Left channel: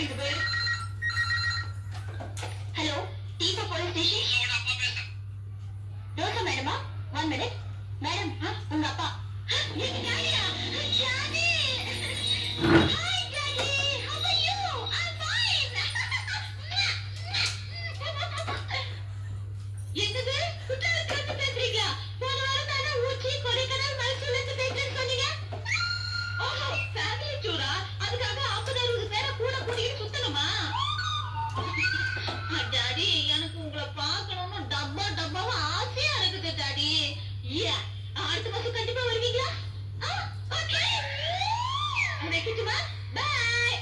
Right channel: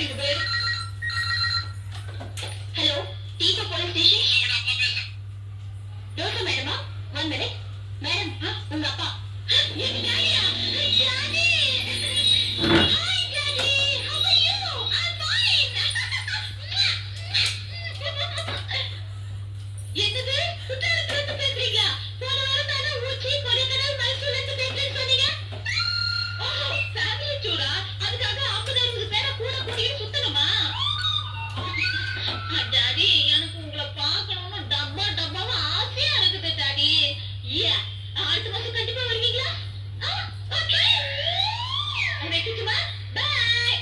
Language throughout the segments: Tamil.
அடிக்க போயிரு. ஹலோ, டீபா போலீஸ் ஸ்டேஷன். ரோசா மேடமா? 1 minute. மேடம், உங்க அப்பா. என்னது? குற்றாலத்துல பேசுறீங்களா? போன வாரம் தானே ஊட்டி, கொடைக்கானல், மைசூர்ல இருந்து பேசுறேன்னு சொன்னீங்க. ஓஹோ, ஃபேமிலி டூரா? அதுக்காக 50-60 பேரை கூட கூட்டிட்டு சுத்தணுமா? டாடி, எனக்கு உங்களை பார்க்கணும்னு டப்பாவா ஆசையா இருக்குது டாடி. அடுத்த மாசம் கண்டிப்பா வருவீங்களா? ஓகே, வைக்கட்டுமா? பாய்.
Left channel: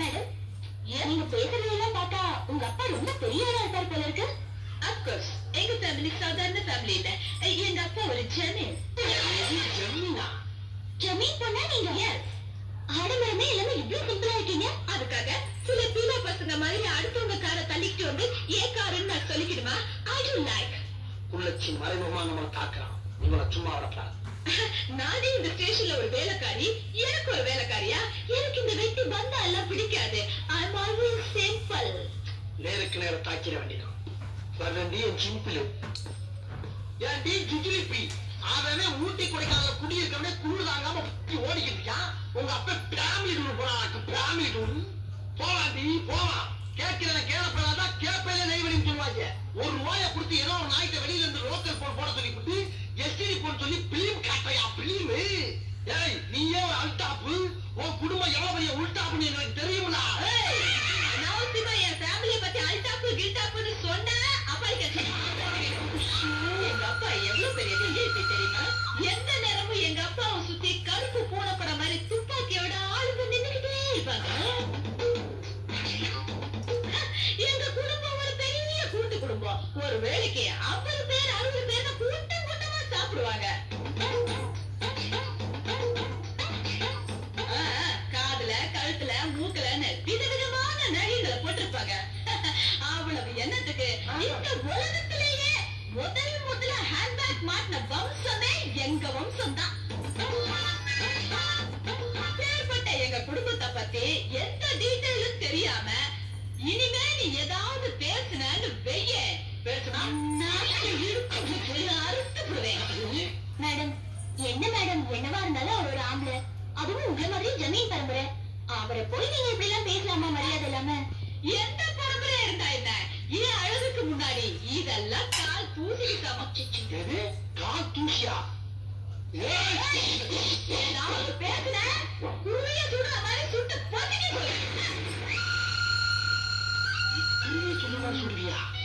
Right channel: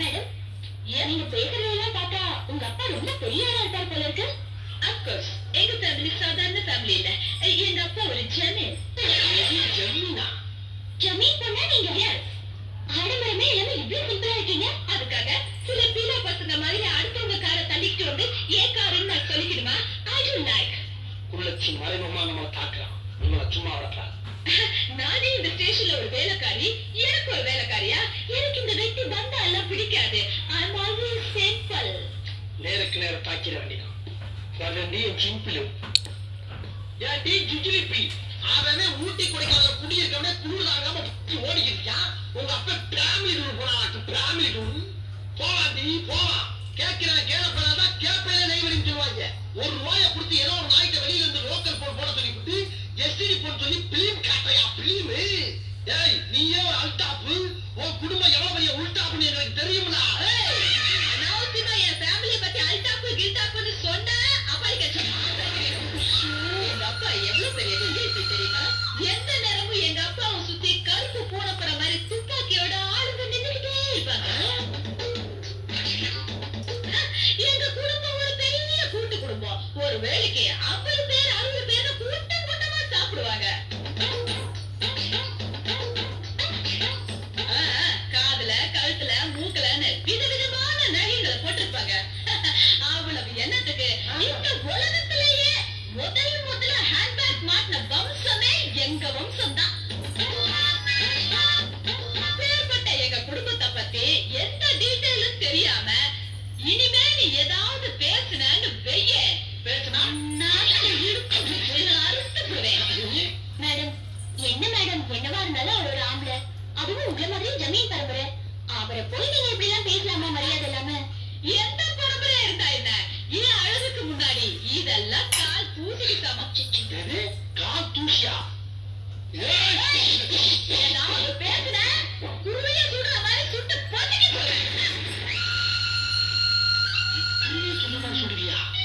மேடம், நீங்க பேசுறதெல்லாம் பார்த்தா உங்க அப்பா ரொம்ப பெரிய ஆளா இருப்பார் போல இருக்கு. அப்கோர்ஸ், எங்க ஃபேமிலி சாதாரண ஃபேமிலி இல்ல. எங்க அப்பா ஒரு ஜமீன். ஜமீனா? ஜமீன் பொண்ணா நீங்க யார்? ஆடம்பரமே இல்லாம இவ்வளவு சிம்பிளா இருக்கீங்க. அதுக்காக சில பீலா பசங்க மாதிரி அடுத்தவங்க காரை தள்ளிக்கிட்டு வந்து ஏன் காருன்னு நான் சொல்லிக்கிடுமா? I don't like. உள்ளச்சி மறைமுகமா நம்ம தாக்கலாம். உங்களை சும்மா வரப்பா. நானே இந்த ஸ்டேஷன்ல ஒரு வேலைக்காரி, எனக்கு ஒரு வேலைக்காரியா? எனக்கு இந்த வெட்டி பந்தா எல்லாம் பிடிக்காது. ஐ அம் ஆல்வேஸ் சிம்பிள். நேருக்கு நேரம் தாக்கிற வேண்டிதான். நீ சிம்பிள். ஏன் டீ ஜுஜிலிப்பி? அவனே ஊட்டி கொடைக்கானல குடியிருக்கவனே குளிர் தாங்காம ஓடிக்கிறியா? உங்க அப்பா ஃபேமிலி டூர் போனாக்கு. ஃபேமிலி டூர் போவாண்டி, போவா. கேட்கிறேன் கேளப்பதான் கேப்பையில நெய்வரின்னு சொல்லுவாங்க. ₹1 கொடுத்து ஏதோ ஒரு நாய்க்கு வெளியில இருந்து லோக்கல் போன் போட சொல்லிவிட்டு எஸ்டிடி போன் சொல்லி பிலிம் காட்டுறையா? பிலிம்? ஏய், நீயே ஒரு அல்டாப்பு. உன் குடும்பம் எவ்வளவு பெரிய உள்டாப்புன்னு எனக்கு தெரியுங்களா? நாவுசிமா என் ஃபேமிலியை பத்தி அல்டாப்பு கில்டாப்புன்னு சொன்னா அப்பா கேட்க. எங்க அப்பா எவ்வளவு பெரிய விஐபி தெரியுமா? எந்த நேரமும் எங்க அப்பாவை சுத்தி கருப்பு பூனைப்பட மாதிரி துப்பாக்கியோட ஆளுங்க நின்றுகிட்டே இருப்பாங்க. எங்க குடும்பம் ஒரு பெரிய கூட்டு குடும்பம். ஒரு வேலைக்கு 50 பேர் 60 பேர் கூட்டம் கூட்டமா சாப்பிடுவாங்க. காதுல, கழுத்துல, மூக்கலன்னு விதவிதமான நகைகளை போட்டிருப்பாங்க. அவ்வளவு எண்ணத்துக்கு இந்த உலகத்திலேயே முதல்ல ஹேண்ட்பேக் மாட்டின வம்சமே எங்க வம்சம் தான். பேர்பட்ட எங்க குடும்பத்தை பத்தி எந்த டீட்டெயிலும் தெரியாம இனிமே நீ ஏதாவது பேசுனு வெய்ய பேசுனா அறுத்துடுவேன். மேடம், என்ன மேடம், என்னவா இருந்தாலும் அவர் ஒரு ஆம்பளை, அதுவும் உங்களை மாதிரி ஜமீன் பரம்பரை. அவரை போய் நீங்க இப்படி எல்லாம் பேசலாமா மரியாதை இல்லாம? எந்த பரம்பரையா இருந்தா என்ன? அழகுக்கு முன்னாடி இதெல்லாம் கால் தூசிக்கு சமைச்சு. கால் தூசியா?